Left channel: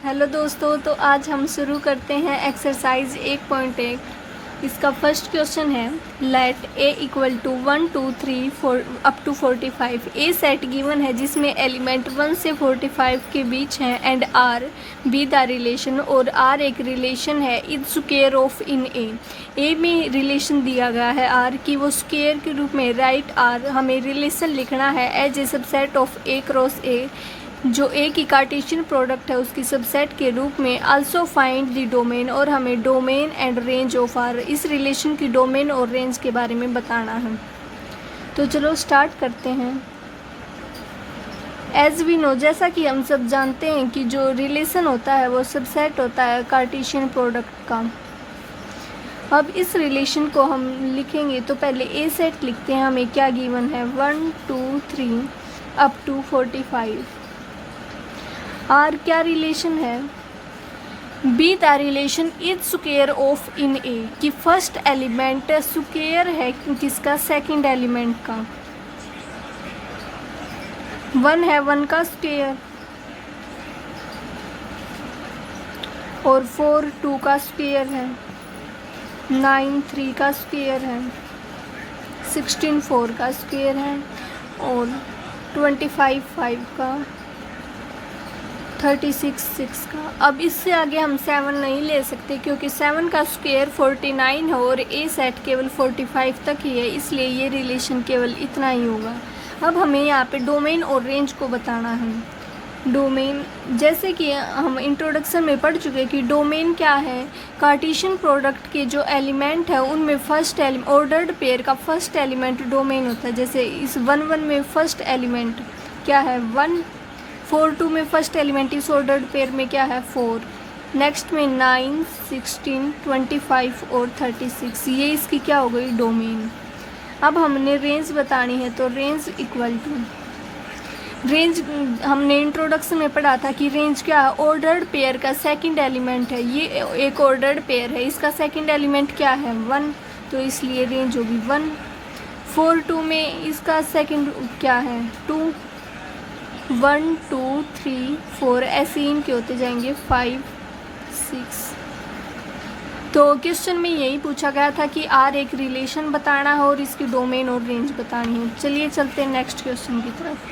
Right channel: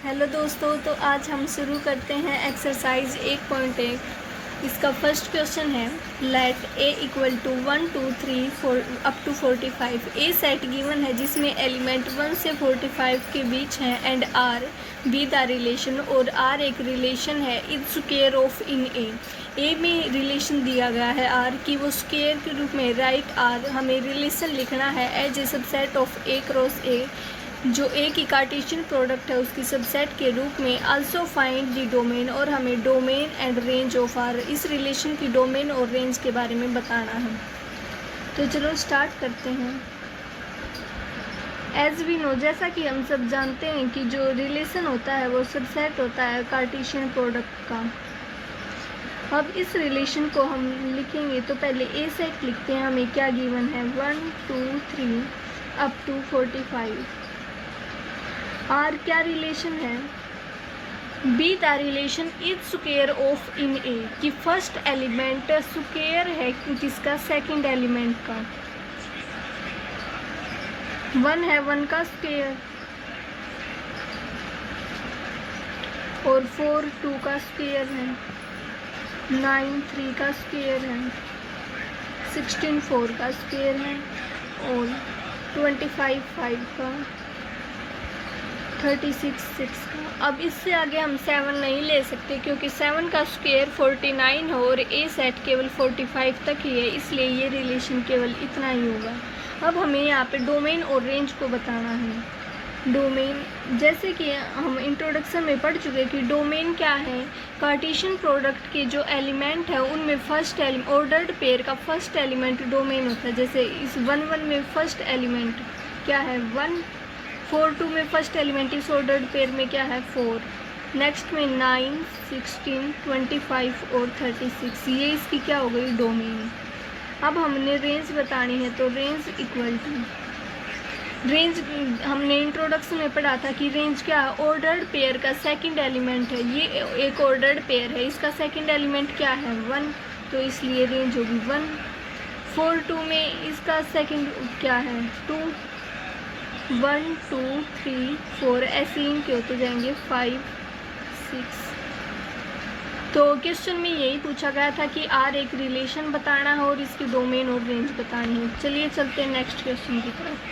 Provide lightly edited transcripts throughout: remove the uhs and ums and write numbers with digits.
Hello दोस्तों, तो आज हम शुरू करते हैं एक्सरसाइज 1.1। इसका फर्स्ट क्वेश्चन है let a equal to 1 2 3 4 up to 45। A set given है जिसमें एलिमेंट 1 से 45 के बीच हैं and R be the relation, और आर एक रिलेशन है is square of in A में रिलेशन दिया गया है आर की, वो स्क्वायर के रूप में राइट आर हमें रिलेशन लिखना है as a subset of A cross A, जो ए की कार्टेशियन प्रोडक्ट है उसकी सबसेट के रूप में। आल्सो फाइंड द डोमेन, और हमें domain and range of R, इस रिलेशन की डोमेन और रेंज के बारे में बताना है। तो चलो स्टार्ट करते हैं। एज वी नो, जैसा कि हम सब जानते हैं कि जो रिलेशन होता है वो सबसेट होता है कार्टेशियन प्रोडक्ट का। अब इस रिलेशन को हम लिखेंगे तो पहले ए सेट लिखते हैं। हमें क्या गिवन है 1 2 3 अप टू 45। आर क्या रिलेशन है, be the relation is square of in A, कि फर्स्ट एलिमेंट स्क्वायर है किसका, सेकंड एलिमेंट का। 1 है 1 का स्क्वायर, और 4 2 का स्क्वायर है, 9 3 का स्क्वायर है, 16 4 का स्क्वायर है, और 25 5 का, 36 6 का। अब इससे आगे हम 7 नहीं ले सकते क्योंकि 7 का स्क्वायर 49 है और ए सेट केवल 45 तक ही है, इसलिए ये रिलेशन केवल इतना ही होगा। अब हमें यहाँ पे डोमेन और रेंज को बताना है। डोमेन, जैसे कि हम इंट्रोडक्शन में पढ़ चुके कि डोमेन क्या है, कार्टेशियन प्रोडक्ट के जो एलिमेंट है उनमें फर्स्ट ऑर्डर्ड पेयर का फर्स्ट एलिमेंट डोमेन होता है। जैसे इस 1 1 में फर्स्ट एलिमेंट क्या है 1, 4 2 में फर्स्ट एलिमेंट इस ऑर्डर्ड पेयर में क्या है 4, नेक्स्ट में 9 16 25 और 36, ये इसकी क्या हो गई डोमेन। अब हमने रेंज बतानी है, तो रेंज इक्वल टू रेंज, हमने इंट्रोडक्शन में पढ़ा था कि रेंज क्या है, ऑर्डर्ड पेयर का सेकंड एलिमेंट है। ये एक ऑर्डर्ड पेयर है, इसका सेकंड एलिमेंट क्या है 1, तो इसलिए रेंज होगी 1। 4 2 में इसका सेकंड क्या है 2, 1 2 3 4 ऐसे ही इनके होते जाएंगे 5 6। तो क्वेश्चन में यही पूछा गया था कि आर एक रिलेशन बताना है और इसकी डोमेन और रेंज बतानी है। चलिए चलते हैं नेक्स्ट क्वेश्चन की तरफ।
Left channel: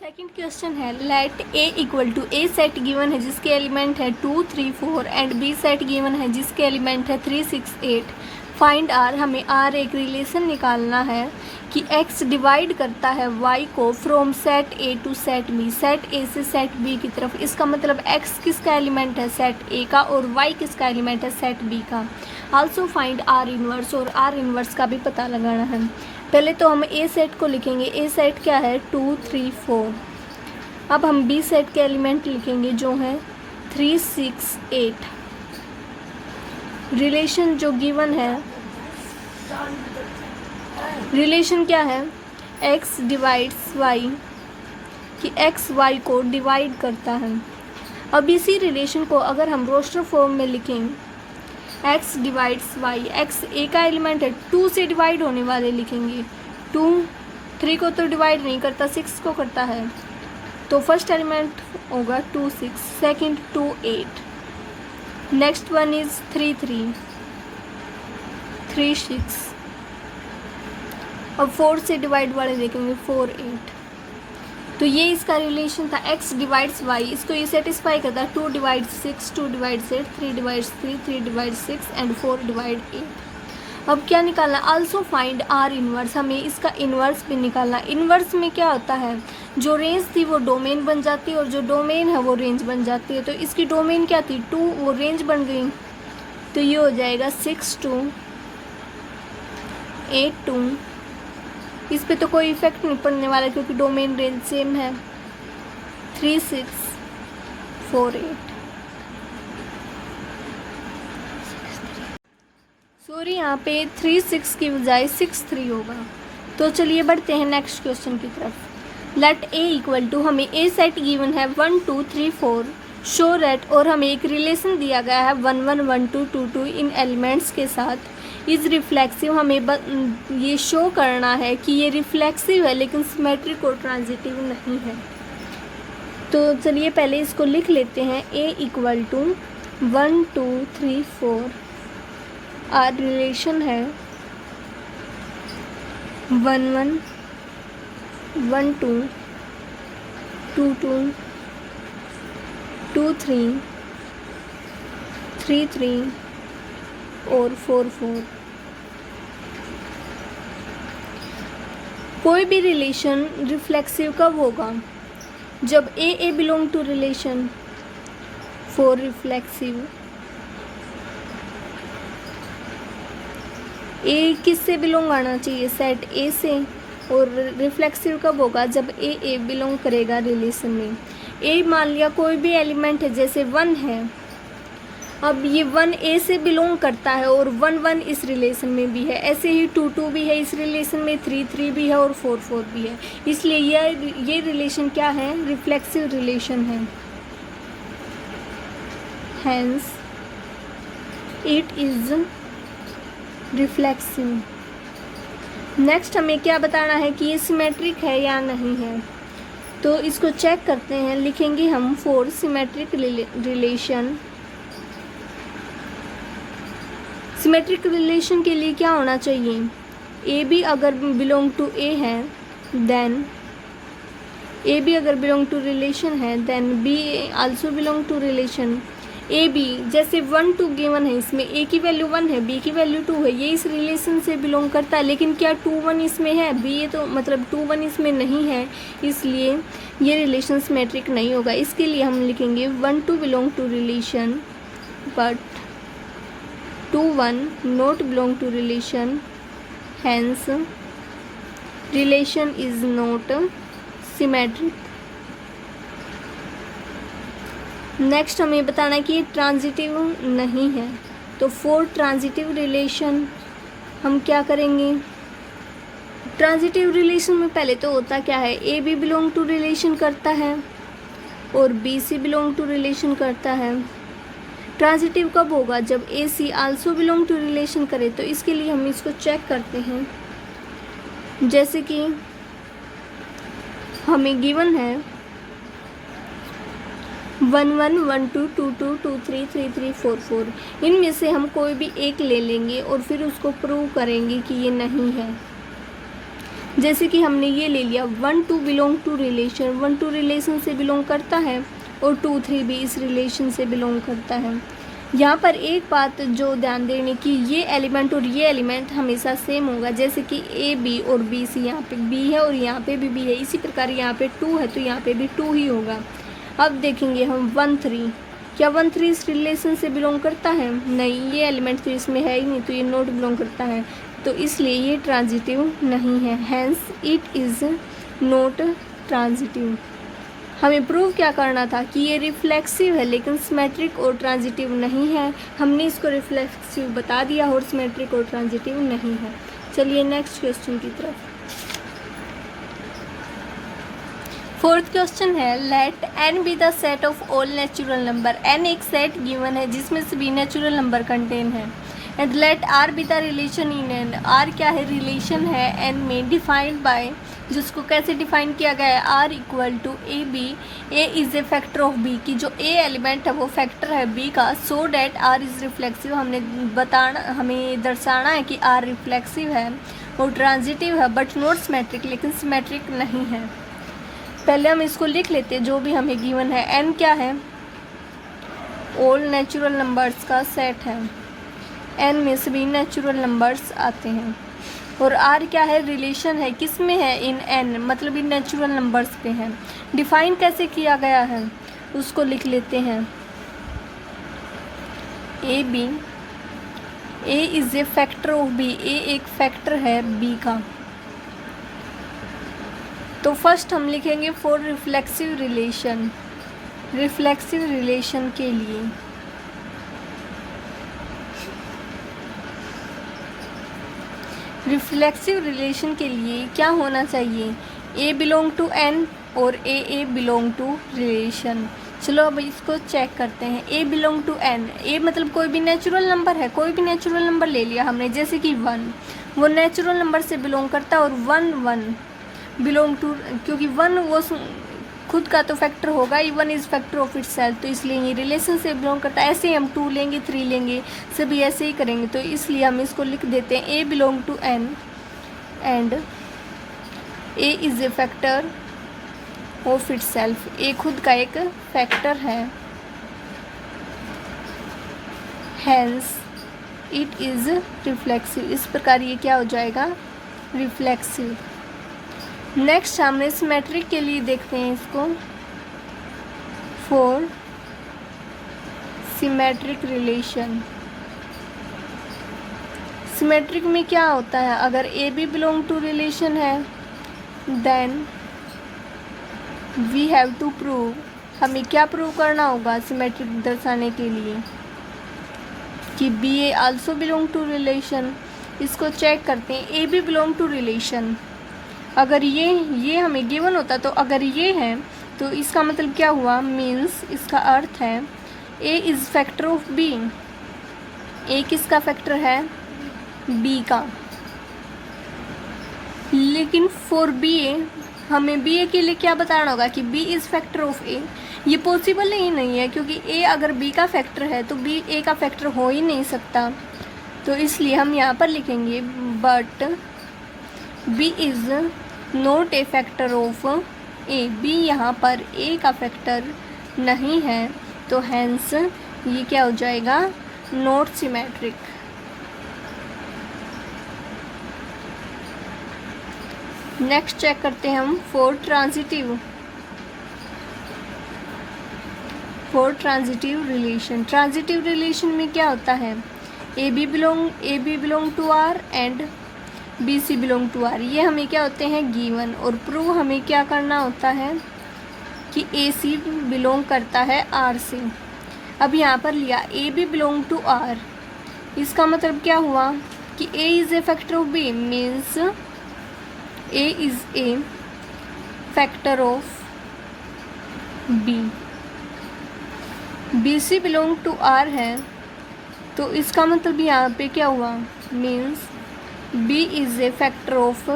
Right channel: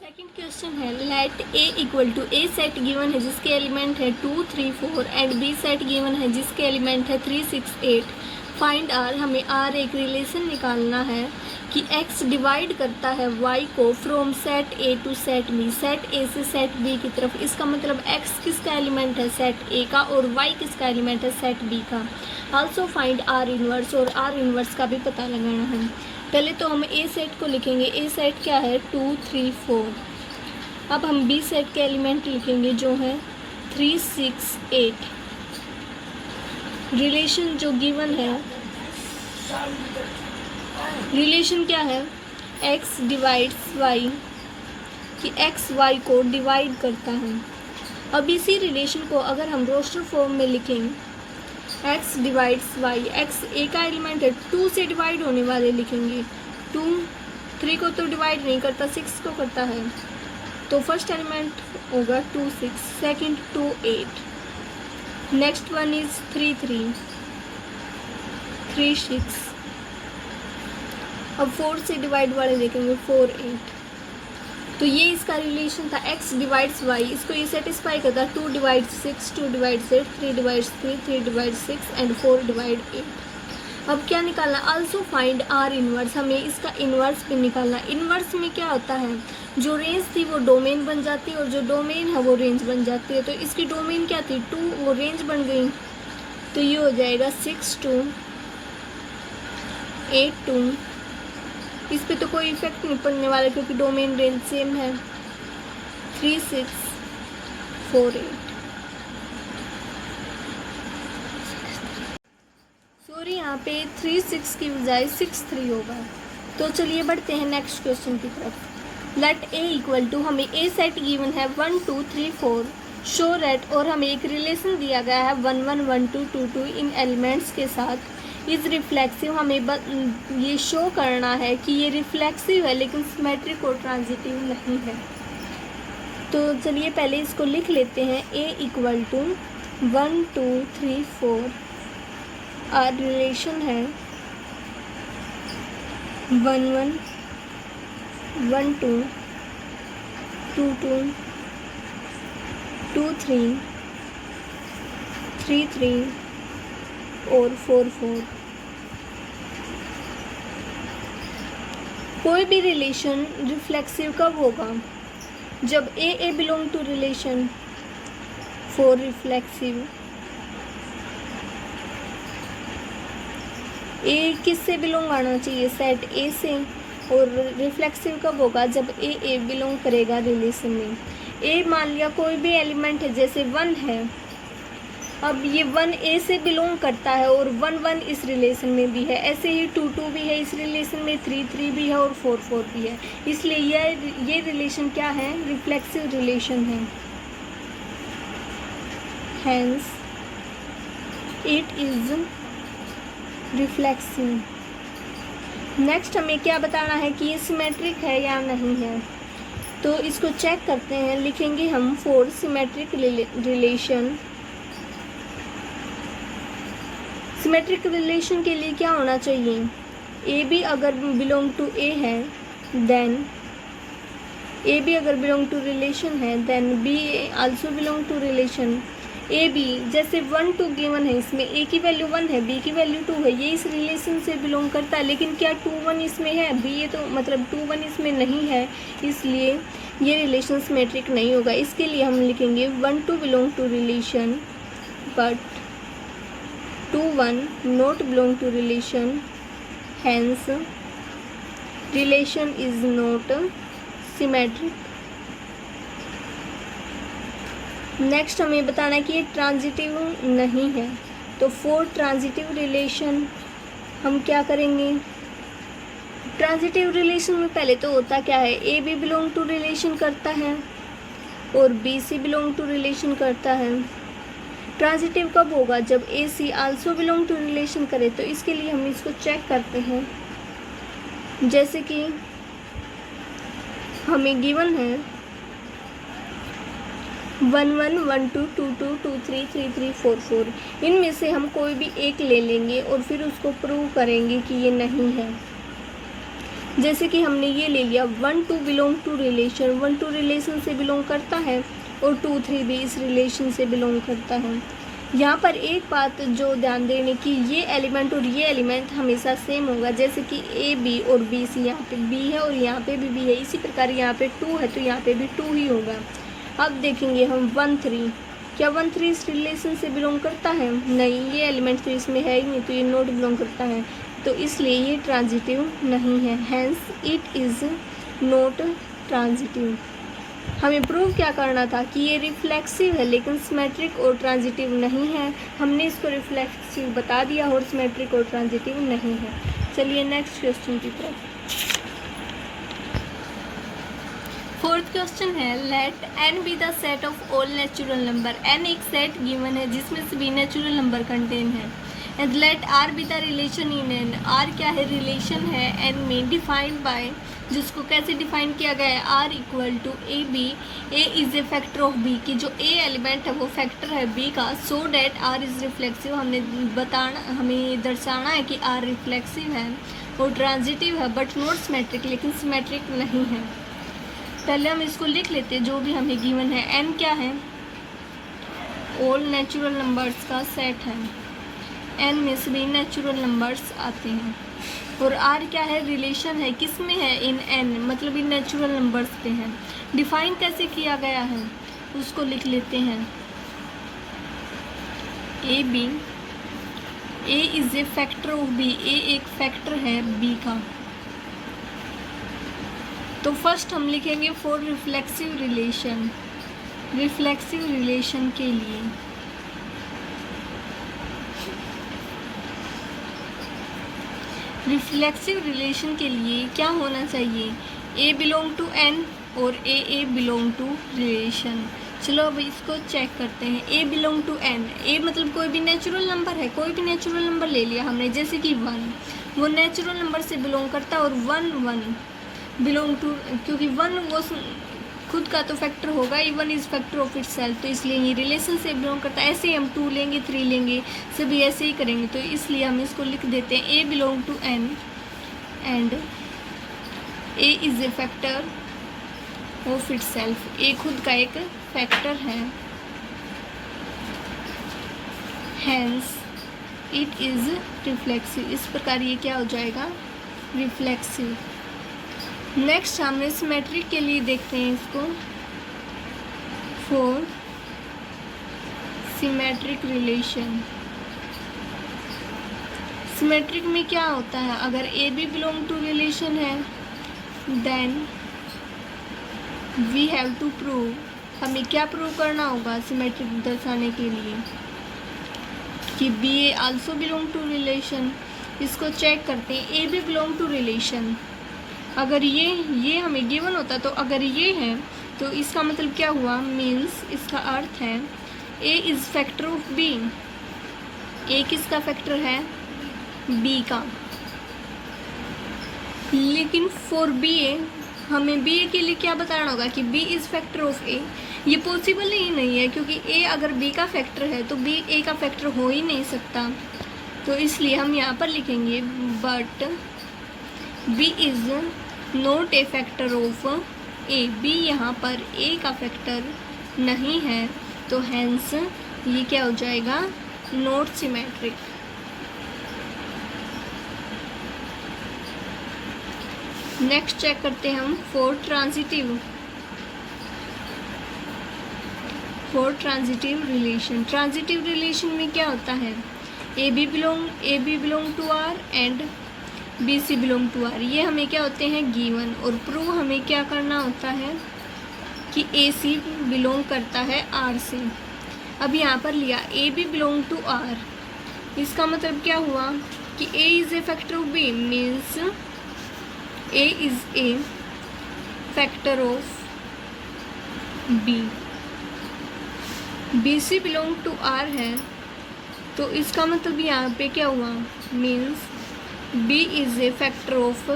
सेकंड क्वेश्चन है let A equal to, a set given है जिसके एलिमेंट है 2 3 4 एंड बी सेट गिवन है जिसके एलिमेंट है 3 6 8। फाइंड आर, हमें आर एक रिलेशन निकालना है कि x डिवाइड करता है y को from set A to set B, set A से सेट बी की तरफ। इसका मतलब x किसका एलिमेंट है सेट ए का, और y किसका एलिमेंट है सेट बी का। आल्सो फाइंड आर इनवर्स, और आर इनवर्स का भी पता लगाना है। पहले तो हम ए सेट को लिखेंगे, ए सेट क्या है 2 3 4। अब हम बी सेट के एलिमेंट लिखेंगे जो है 3 6 8। रिलेशन जो गिवन है, रिलेशन क्या है x डिवाइड्स y, कि x y को डिवाइड करता है। अब इसी रिलेशन को अगर हम रोस्टर फॉर्म में लिखेंगे x divides y, x a का एलिमेंट है 2 से डिवाइड होने वाले लिखेंगे। 2 3 को तो डिवाइड नहीं करता, 6 को करता है, तो फर्स्ट एलिमेंट होगा 2 6, सेकेंड 2 8, नेक्स्ट वन इज 3 3 3 6, अब 4 से डिवाइड वाले देखेंगे 4 8। तो ये इसका रिलेशन था x डिवाइड्स y, इसको ये सेटिस्फाई करता है 2 divides 6 2 divides 8 3 divides 3 3 divides 6 and 4 divide 8। अब क्या निकालना, आल्सो फाइंड आर इनवर्स, हमें इसका इनवर्स भी निकालना। इनवर्स में क्या होता है, जो रेंज थी वो डोमेन बन जाती है और जो डोमेन है वो रेंज बन जाती है। तो इसकी डोमेन क्या थी 2, वो रेंज बन गई, तो ये हो जाएगा 6 2 8 2। इस पे तो कोई इफेक्ट नहीं पड़ने वाला क्योंकि डोमेन रेंज सेम है। 3 6 4 8, सॉरी यहाँ पे 3 6 की बजाय 6 3 होगा। तो चलिए बढ़ते हैं नेक्स्ट क्वेश्चन की तरफ। लेट ए इक्वल टू, हमें ए सेट गिवन है 1 2 3 4 शो रेट, और हमें एक रिलेशन दिया गया है 1 1 1 2 2 2 इन एलिमेंट्स के साथ। इज रिफ्लेक्सिव, हमें ये शो करना है कि ये रिफ्लेक्सिव है लेकिन सिमेट्रिक और ट्रांजिटिव नहीं है। तो चलिए पहले इसको लिख लेते हैं। a equal to 1 2 3 4 R relation है 1 1 1 2 2 2 2 3 3 3 और 4 4। कोई भी रिलेशन रिफ्लेक्सिव कब होगा? जब A belong to relation. For reflexive A किससे बिलोंग आना चाहिए? सेट ए से। और रिफ्लेक्सिव कब होगा? जब ए बिलोंग करेगा रिलेशन में। ए मान लिया कोई भी एलिमेंट है, जैसे 1 है, अब ये 1 ए से बिलोंग करता है और 1 1 इस रिलेशन में भी है। ऐसे ही 2 2 भी है इस रिलेशन में, 3 3 भी है और 4 4 भी है। इसलिए ये रिलेशन क्या है? रिफ्लेक्सिव रिलेशन है। Hence it is reflexive. Next हमें क्या बताना है कि ये सिमेट्रिक है या नहीं है। तो इसको चेक करते हैं। लिखेंगे हम for symmetric relation. Symmetric relation के लिए क्या होना चाहिए? ए बी अगर बिलोंग टू ए है देन ए बी अगर बिलोंग टू रिलेशन है then b also belong to relation. A b जैसे 1 2 गिवन है, इसमें ए की वैल्यू 1 है, बी की वैल्यू 2 है, ये इस रिलेशन से बिलोंग करता है। लेकिन क्या 2 1 इसमें है? बी ये तो मतलब 2 1 इसमें नहीं है, इसलिए ये रिलेशन सिमेट्रिक नहीं होगा। इसके लिए हम लिखेंगे 1 2 belong to relation but 2 1 not belong to relation, hence relation is not symmetric। Next हमें बताना है कि ये ट्रांजिटिव नहीं है। तो फॉर ट्रांजिटिव रिलेशन हम क्या करेंगे? ट्रांजिटिव रिलेशन में पहले तो होता क्या है? A B belong to relation करता है और b c belong to relation करता है। ट्रांजिटिव कब होगा? जब a c also belong to relation करे। तो इसके लिए हम इसको चेक करते हैं। जैसे कि हमें गिवन है 1 1 1 2 2 2 2 3 3 3 4 4। इनमें से हम कोई भी एक ले लेंगे और फिर उसको प्रूव करेंगे कि ये नहीं है। जैसे कि हमने ये ले लिया 1 2 बिलोंग टू रिलेशन, 1 2 रिलेशन से बिलोंग करता है और 2 3 भी इस रिलेशन से बिलोंग करता है। यहाँ पर एक बात जो ध्यान देने की, ये एलिमेंट और ये एलिमेंट हमेशा सेम होगा। जैसे कि ए बी और बी सी, यहाँ पे बी है और यहाँ पे भी बी है। इसी प्रकार यहाँ पे 2 है तो यहाँ पे भी 2 ही होगा। अब देखेंगे हम 1 3, क्या 1 3 इस रिलेशन से बिलोंग करता है? नहीं, ये एलिमेंट तो इसमें है ही नहीं, तो ये नॉट बिलोंग करता है। तो इसलिए ये ट्रांजिटिव नहीं है। Hence it is not transitive. हमें प्रूव क्या करना था कि ये रिफ्लेक्सिव है लेकिन सिमेट्रिक और ट्रांजिटिव नहीं है। हमने इसको रिफ्लेक्सिव बता दिया और सिमेट्रिक और ट्रांजिटिव नहीं है। चलिए नेक्स्ट क्वेश्चन की तरफ। फोर्थ क्वेश्चन है let n be the set of all natural number. n एक सेट गिवन है जिसमें सभी नेचुरल नंबर कंटेन है। And let r be the relation in n। r क्या है? रिलेशन है n में डिफाइंड बाय, जिसको कैसे डिफाइन किया गया है? r equal to a b. A is a factor of b, की जो a एलिमेंट है वो फैक्टर है b का। So that r is reflexive. हमें दर्शाना है कि r रिफ्लेक्सिव है और ट्रांजिटिव है बट नॉट सिमेट्रिक, लेकिन सिमेट्रिक नहीं है। पहले हम इसको लिख लेते हैं जो भी हमें गिवन है। n क्या है? ऑल नेचुरल नंबर्स का सेट है। n में सभी नेचुरल नंबर्स आते हैं। और r क्या है? रिलेशन है। किस में है? इन n, मतलब इन नेचुरल नंबर्स पे है। डिफाइन कैसे किया गया है उसको लिख लेते हैं। A b, a is a factor of b। A एक फैक्टर है b का। तो फर्स्ट हम लिखेंगे for reflexive relation. Reflexive relation के लिए क्या होना चाहिए? ए बिलोंग टू n और ए बिलोंग टू रिलेशन। चलो अब इसको चेक करते हैं। ए बिलोंग टू n, ए मतलब कोई भी नेचुरल नंबर है। कोई भी नेचुरल नंबर ले लिया हमने, जैसे कि 1, वो नेचुरल नंबर से बिलोंग करता है। और 1 1 बिलोंग टू, क्योंकि 1 वो खुद का तो फैक्टर होगा, even is factor of it self, तो इसलिए ये रिलेशन से बिलोंग करता है। ऐसे ही हम 2 लेंगे, 3 लेंगे, सभी ऐसे ही करेंगे, तो इसलिए हम इसको लिख देते हैं A belong to N and A is a factor of itself. A खुद का एक फैक्टर है, हैंस इट इज रिफ्लेक्सिव। इस प्रकार ये क्या हो जाएगा, रिफ्लेक्सिव। नेक्स्ट हम सिमेट्रिक के लिए देखते हैं इसको। फॉर सिमेट्रिक रिलेशन, सिमेट्रिक में क्या होता है, अगर A B belong to relation है then we have to prove, हमें क्या प्रूव करना होगा सिमेट्रिक दर्शाने के लिए, कि b a also belong to relation. इसको चेक करते हैं, a B belong to relation, अगर ये हमें गिवन होता तो अगर ये है तो इसका मतलब क्या हुआ, मीन्स इसका अर्थ है A is factor of B. A किसका फैक्टर है, बी का। लेकिन फॉर बी ए हमें बी ए के लिए क्या बताना होगा कि बी इज़ फैक्टर ऑफ ए। ये पॉसिबल ही नहीं है, क्योंकि ए अगर बी का फैक्टर है तो बी ए का फैक्टर हो ही नहीं सकता। तो इसलिए हम यहाँ पर लिखेंगे but b is not a factor of a, b यहाँ पर ए का फैक्टर नहीं है, तो हैंस ये क्या हो जाएगा, नॉट सिमेट्रिक। नेक्स्ट चेक करते हैं हम for transitive. For transitive relation, transitive relation में क्या होता है, A B belong to R and b c belong to R. ये हमें क्या होते हैं, गिवन। और प्रूव हमें क्या करना होता है कि ए सी बिलोंग करता है आर से। अब यहाँ पर लिया a B belong to R, इसका मतलब क्या हुआ कि ए is a factor of b, means a is a factor of b. B c belong to R है, तो इसका मतलब यहाँ पे क्या हुआ, means B is a factor of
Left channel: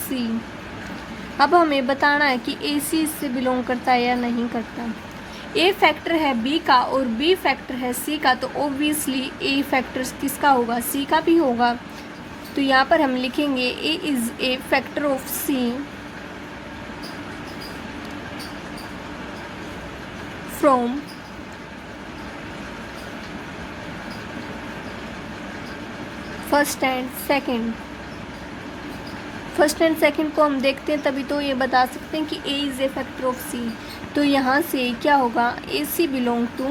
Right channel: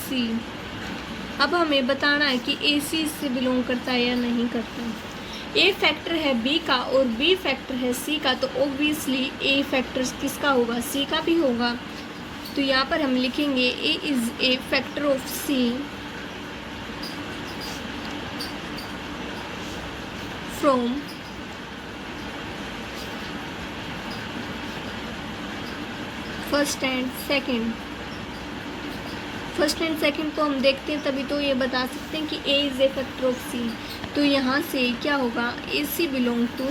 C। अब हमें बताना है कि ए सी इससे बिलोंग करता है या नहीं करता। ए फैक्टर है B का और B फैक्टर है C का, तो ऑब्वियसली ए फैक्टर किसका होगा, C का भी होगा। तो यहाँ पर हम लिखेंगे ए is a factor of C from first and second. First and second को हम देखते हैं, तभी तो ये बता सकते हैं कि ए is a factor of C. तो यहाँ से क्या होगा, A C belong to,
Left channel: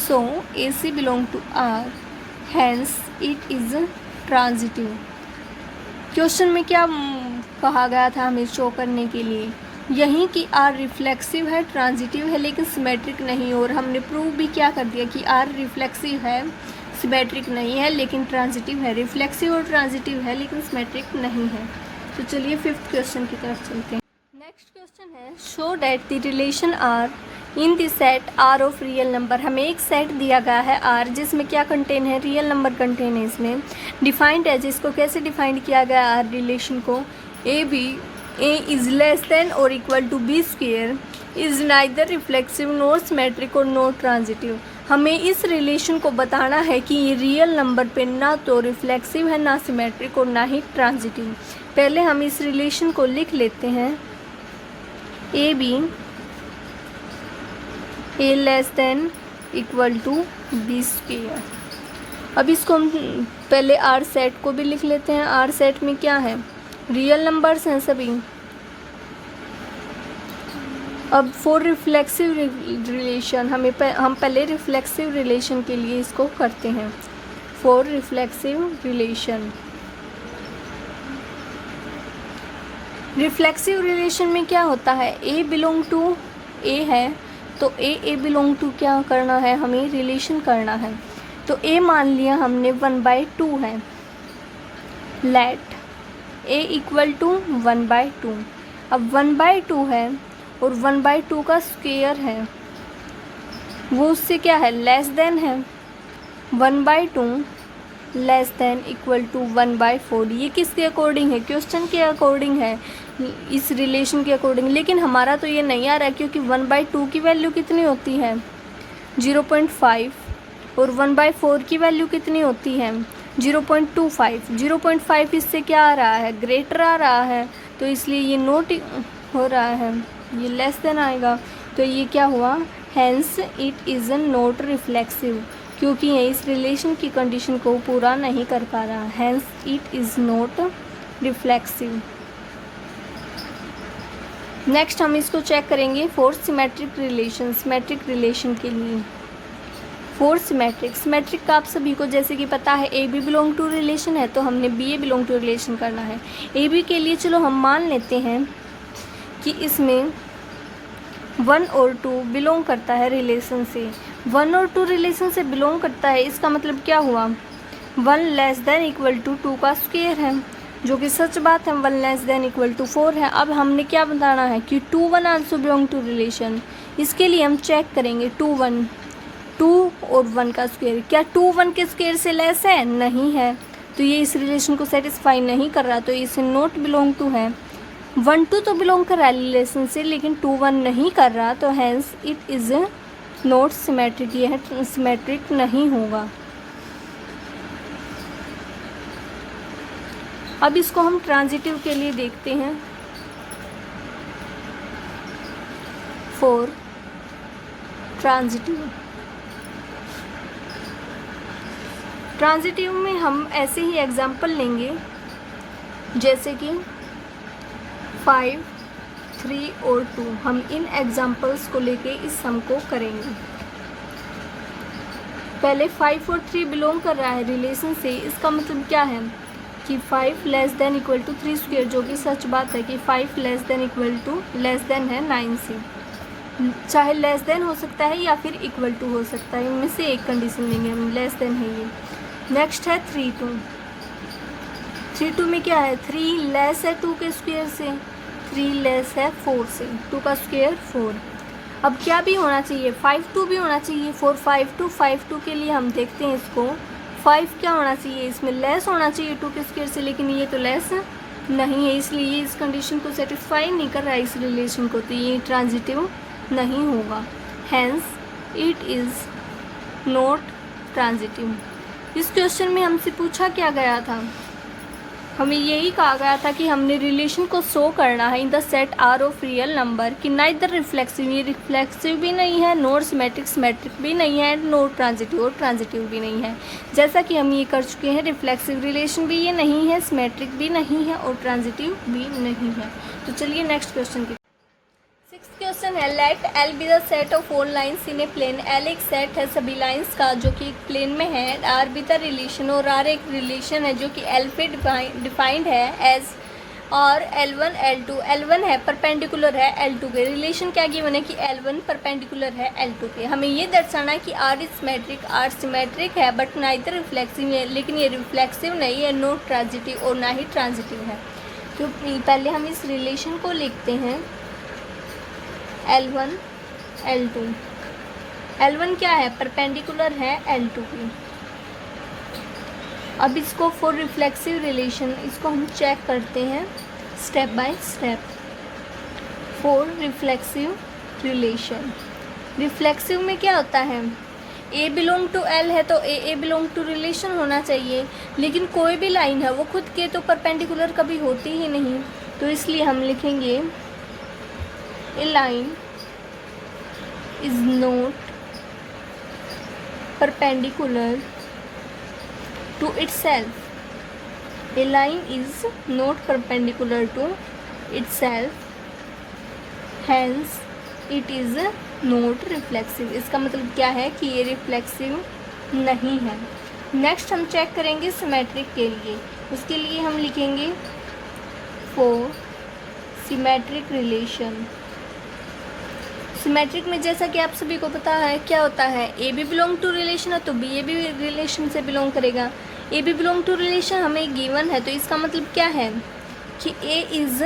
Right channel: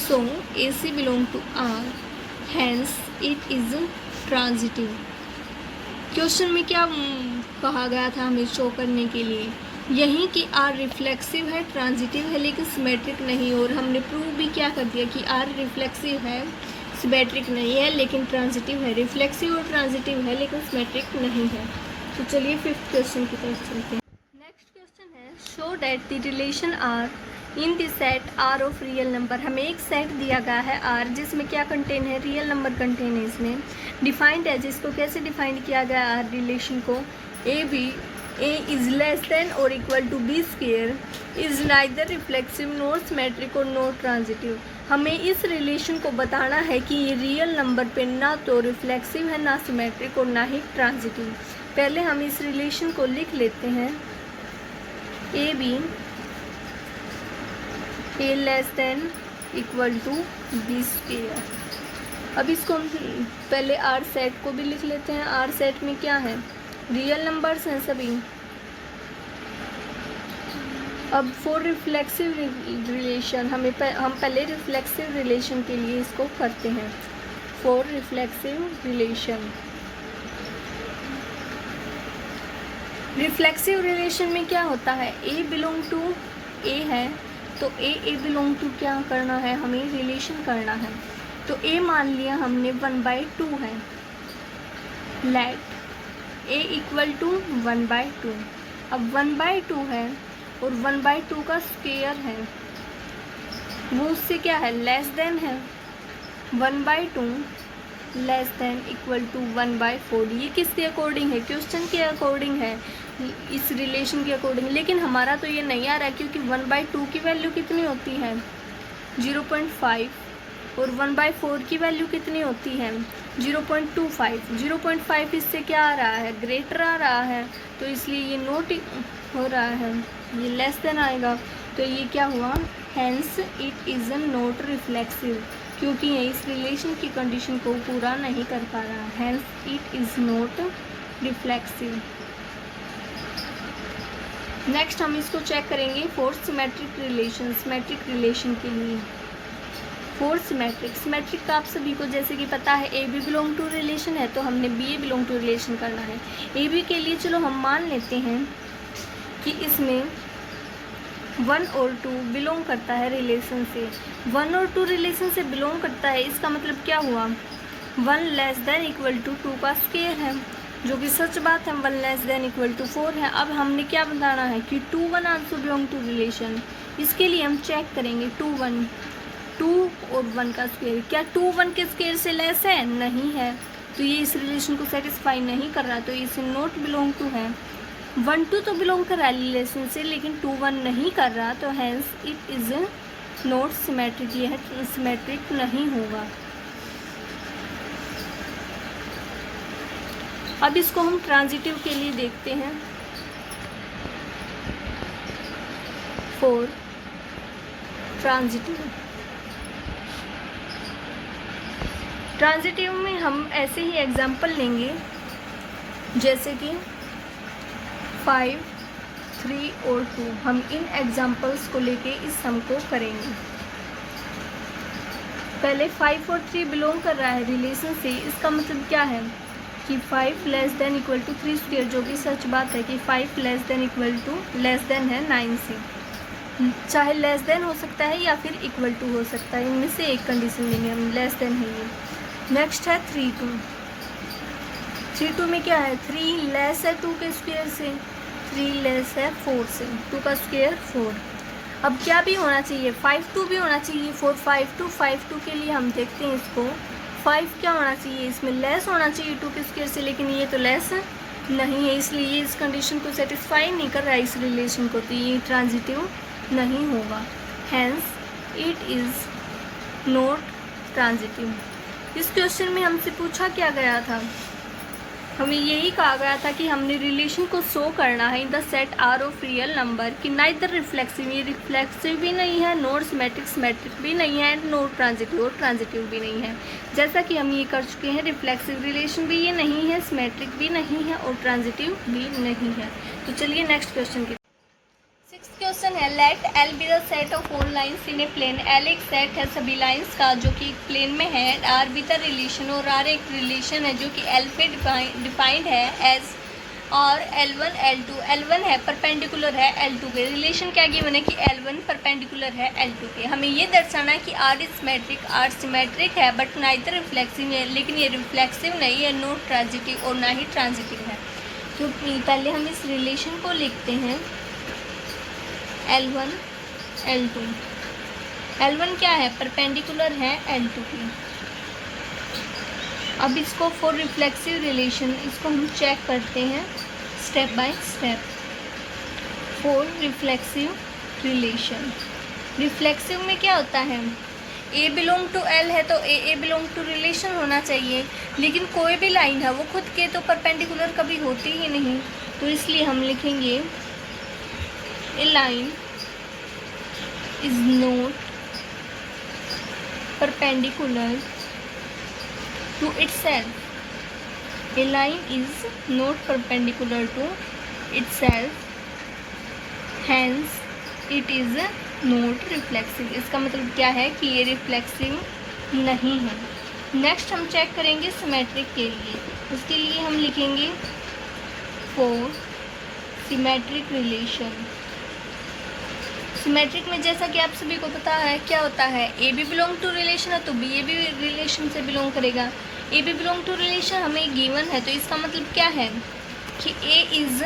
so A C belong to R, hence it is transitive. Question में क्या कहा गया था हमें शो करने के लिए, यही कि आर रिफ्लेक्सिव है, ट्रांजिटिव है, लेकिन सिमेट्रिक नहीं। और हमने प्रूव भी क्या कर दिया कि आर रिफ्लेक्सिव है, सिमेट्रिक नहीं है, लेकिन ट्रांजिटिव है। रिफ्लेक्सिव और ट्रांजिटिव है लेकिन सिमेट्रिक नहीं है। तो चलिए 5th क्वेश्चन की तरफ चलते हैं। नेक्स्ट क्वेश्चन है, show that the relation R in the set R of real number. हमें एक सेट दिया गया है आर, जिसमें क्या कंटेन है, रियल नंबर कंटेन है। इसमें डिफाइंड है, जिसको कैसे डिफाइंड किया गया आर रिलेशन को, ए इज़ लेस देन और equal to b square, is neither reflexive nor symmetric और नॉर ट्रांजिटिव। हमें इस रिलेशन को बताना है कि ये रियल नंबर पे ना तो रिफ्लेक्सिव है, ना सिमेट्रिक और ना ही ट्रांजिटिव। पहले हम इस रिलेशन को लिख लेते हैं, a b a less than equal to b square. अब इसको हम पहले आर सेट को भी लिख लेते हैं। आर सेट में क्या है, रियल नंबर्स हैं सभी। अब फॉर रिफ्लेक्सिव रिलेशन हम पहले रिफ्लेक्सिव रिलेशन के लिए इसको करते हैं। फॉर रिफ्लेक्सिव रिलेशन में क्या होता है, ए बिलोंग टू ए है, तो ए बिलोंग टू क्या करना है, हमें रिलेशन करना है। तो ए मान लिया हमने 1/2 है, लेट ए इक्वल टू 1/2। अब 1/2 है और 1/2 का स्क्वायर है, वो उससे क्या है, लेस देन है। 1/2 लेस देन इक्वल टू 1/4। ये किसके अकॉर्डिंग है, क्वेश्चन के अकॉर्डिंग है, इस रिलेशन के अकॉर्डिंग, लेकिन हमारा तो ये नहीं आ रहा क्योंकि 1/2 की वैल्यू कितनी होती है 0.5 और 1/4 की वैल्यू कितनी होती है 0.25। 0.5 इससे क्या आ रहा है, ग्रेटर आ रहा है, तो इसलिए ये नोट हो रहा है, ये लेस देन आएगा, तो ये क्या हुआ, hence it is not reflexive, क्योंकि ये इस रिलेशन की कंडीशन को पूरा नहीं कर पा रहा, hence it is not reflexive. Next हम इसको चेक करेंगे for symmetric relation. Symmetric relation के लिए फॉर सिमेट्रिक, सिमेट्रिक का आप सभी को जैसे कि पता है A B belong to relation है, तो हमने b a belong to relation करना है। ए बी के लिए चलो हम मान लेते हैं कि इसमें 1 और 2 बिलोंग करता है रिलेशन से। 1 और 2 रिलेशन से बिलोंग करता है, इसका मतलब क्या हुआ, 1 लेस देन इक्वल टू 2 का स्क्वायर है, जो कि सच बात है, 1 लेस देन इक्वल टू 4 है। अब हमने क्या बताना है कि 2 1 आल्सो बिलोंग टू रिलेशन। इसके लिए हम चेक करेंगे 2 1, 2 और 1 का स्क्वायर, क्या 2 1 के स्क्वायर से लेस है, नहीं है, तो ये इस रिलेशन को सेटिस्फाई नहीं कर रहा, तो इसे नॉट बिलोंग टू है। 1 2 तो बिलोंग कर रहा है रिलेशन से, लेकिन 2 1 नहीं कर रहा, तो hence it is not symmetric, यह सिमेट्रिक नहीं होगा। अब इसको हम ट्रांजिटिव के लिए देखते हैं। 4 ट्रांजिटिव, ट्रांजिटिव में हम ऐसे ही एग्जाम्पल लेंगे जैसे कि 5 3 और 2, हम इन एग्जाम्पल्स को लेके इस सम को करेंगे। पहले 5 और 3 बिलोंग कर रहा है रिलेशन से, इसका मतलब क्या है कि 5 less than equal to 3 square, जो कि सच बात है कि 5 less than equal to less than है 9 से, चाहे लेस देन हो सकता है या फिर इक्वल टू हो सकता है, इनमें से एक कंडीशन लेंगे हम, लेस देन है ये। नेक्स्ट है 3 2, 3 2 में क्या है, 3 लेस है 2 के स्क्वायर से, 3 लेस है 4 से, 2 का स्क्वायर 4। अब क्या भी होना चाहिए, 5 2 भी होना चाहिए, 4 5 2, 5 2 के लिए हम देखते हैं इसको, 5 क्या होना चाहिए, इसमें लेस होना चाहिए 2 के स्क्वायर से, लेकिन ये तो लेस नहीं है, इसलिए ये इस कंडीशन को सेटिस्फाई नहीं कर रहा है इस रिलेशन को, तो ये ट्रांजिटिव नहीं होगा, hence it is not transitive. इस क्वेश्चन में हमसे पूछा क्या गया था, हमें यही कहा गया था कि हमने रिलेशन को शो करना है in the set R of real number, कि नाइदर रिफ्लेक्सिव, ये रिफ्लेक्सिव भी नहीं है, नॉट सिमेट्रिक, सिमेट्रिक भी नहीं है, नॉट ट्रांजिटिव और ट्रांजिटिव भी नहीं है। जैसा कि हम ये कर चुके हैं, रिफ्लेक्सिव रिलेशन भी ये नहीं है, सिमेट्रिक भी नहीं है और ट्रांजिटिव भी नहीं है। तो चलिए नेक्स्ट क्वेश्चन की। सिक्स्थ क्वेश्चन है, let L be the set of all lines in a plane. L एक सेट है सभी लाइन्स का जो कि एक प्लेन में है, आर बी द रिलेशन, और आर एक रिलेशन है जो कि एल पे डिफाइंड है एज, और L1 L2, L1 है परपेंडिकुलर है L2 के, रिलेशन क्या गिवन है कि L1 परपेंडिकुलर है L2 के। हमें ये दर्शाना है कि R is symmetric, R symmetric है बट नाइदर रिफ्लेक्सिव है, लेकिन ये रिफ्लेक्सिव नहीं है, नॉट ट्रांजिटिव और ना ही ट्रांजिटिव है। तो पहले हम इस रिलेशन को लिखते हैं L1 L2। L1 क्या है, परपेंडिकुलर है L2 की। अब इसको फॉर रिफ्लेक्सिव रिलेशन, इसको हम चेक करते हैं step by step. For reflexive relation, reflexive में क्या होता है, ए बिलोंग टू एल है तो ए बिलोंग टू रिलेशन होना चाहिए, लेकिन कोई भी लाइन है वो खुद के तो परपेंडिकुलर कभी होती ही नहीं, तो इसलिए हम लिखेंगे A line is not perpendicular to itself. A line is not perpendicular to itself, hence it is not reflexive। इसका मतलब क्या है कि ये रिफ्लेक्सिव नहीं है। नेक्स्ट हम चेक करेंगे सिमेट्रिक के लिए, उसके लिए हम लिखेंगे फॉर सिमेट्रिक रिलेशन। सिमेट्रिक में जैसा कि आप सभी को पता है क्या होता है, A B belong to relation है तो बी ए भी रिलेशन से बिलोंग करेगा। A B belong to relation हमें गिवन है, तो इसका मतलब क्या है कि ए is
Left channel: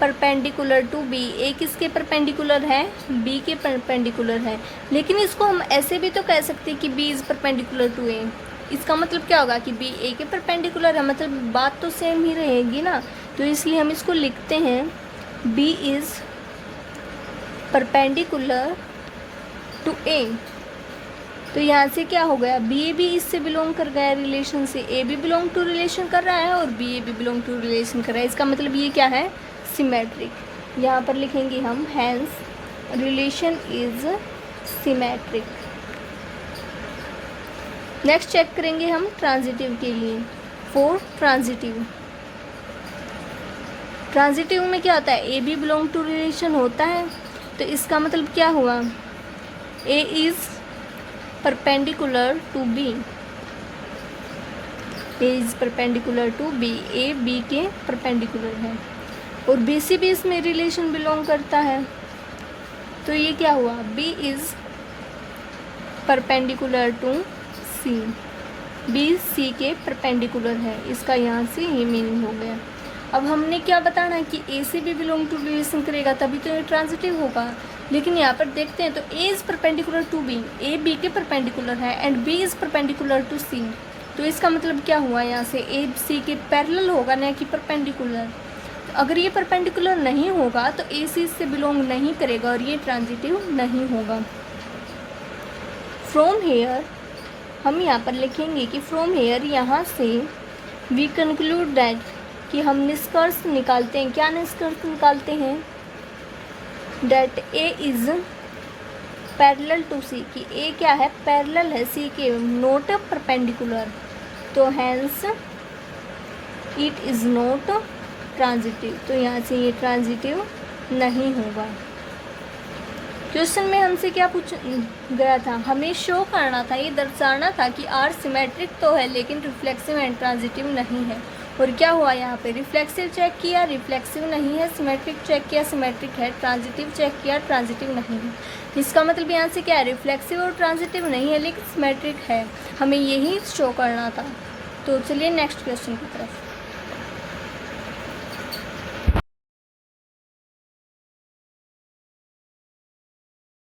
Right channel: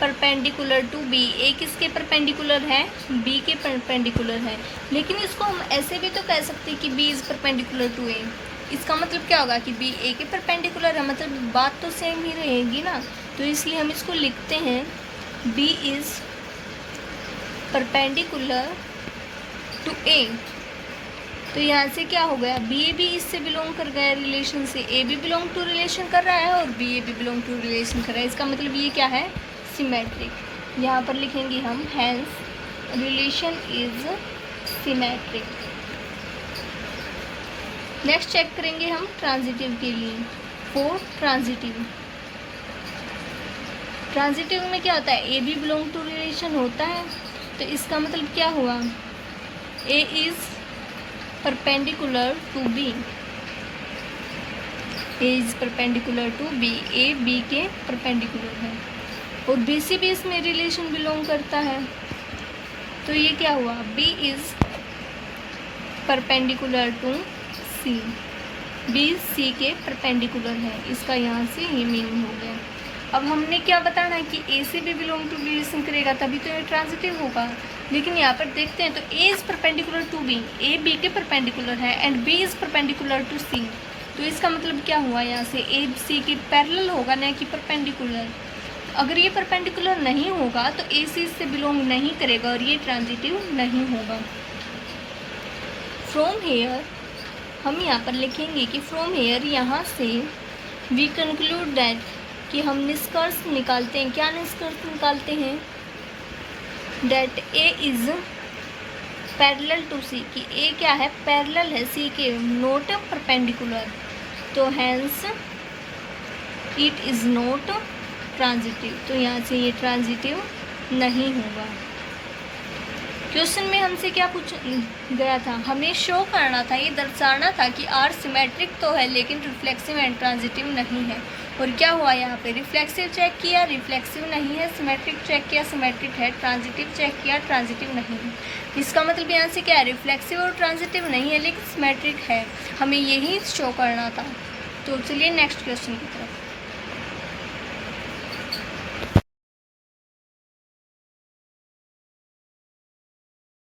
perpendicular to B. A किसके परपेंडिकुलर है, बी के परपेंडिकुलर है, लेकिन इसको हम ऐसे भी तो कह सकते हैं कि बी इज़ परपेंडिकुलर टू ए। इसका मतलब क्या होगा कि बी ए के परपेंडिकुलर है, मतलब बात तो सेम ही रहेगी ना, तो इसलिए हम इसको लिखते हैं B is perpendicular to A। तो यहाँ से क्या हो गया, बी ए भी इससे बिलोंग कर गया रिलेशन से, ए भी बिलोंग टू रिलेशन कर रहा है और बी ए भी बिलोंग टू रिलेशन कर रहा है। इसका मतलब ये क्या है, सिमेट्रिक। यहाँ पर लिखेंगे हम hence relation is symmetric. Next check करेंगे हम ट्रांजिटिव के लिए। फॉर ट्रांजिटिव, ट्रांजिटिव में क्या होता है, ए भी बिलोंग टू रिलेशन होता है। तो इसका मतलब क्या हुआ, a is perpendicular to B, a is perpendicular to B, A B के परपेंडिकुलर है और बी सी भी इसमें रिलेशन बिलोंग करता है। तो ये क्या हुआ, b is perpendicular to c, b c के परपेंडिकुलर है। इसका यहाँ से ये मीनिंग हो गया। अब हमने क्या बताना है कि ए से भी बिलोंग टू रिलेशन करेगा तभी तो ये ट्रांजिटिव होगा। लेकिन यहाँ पर देखते हैं तो A is perpendicular to B, A B के परपेंडिकुलर है and B is perpendicular to C. तो इसका मतलब क्या हुआ, यहाँ से ए सी के पैरेलल होगा ना कि परपेंडिकुलर। अगर ये परपेंडिकुलर नहीं होगा तो ए सी से बिलोंग नहीं करेगा और ये ट्रांजिटिव नहीं होगा। फ्रॉम हेयर, हम यहाँ पर लिखेंगे कि फ्रॉम हेयर, यहाँ से वी कंक्लूड दैट, कि हम निष्कर्ष निकालते हैं। क्या निष्कर्ष निकालते हैं, that A is parallel to C, कि ए क्या है, पैरेलल है सी के, नॉट परपेंडिकुलर। तो hence it is not transitive. तो यहाँ से ये ट्रांजिटिव नहीं होगा। क्वेश्चन में हमसे क्या पूछ गया था, हमें शो करना था, ये दर्शाना था कि आर सिमेट्रिक तो है लेकिन रिफ्लेक्सिव एंड ट्रांजिटिव नहीं है। और क्या हुआ, यहाँ पे रिफ्लेक्सिव चेक किया, रिफ्लेक्सिव नहीं है, सिमेट्रिक चेक किया, सिमेट्रिक है, ट्रांजिटिव चेक किया, ट्रांजिटिव नहीं है। इसका मतलब यहाँ से क्या है, रिफ्लेक्सिव और ट्रांजिटिव नहीं है लेकिन सिमेट्रिक है, हमें यही शो करना था। तो चलिए नेक्स्ट क्वेश्चन की तरफ।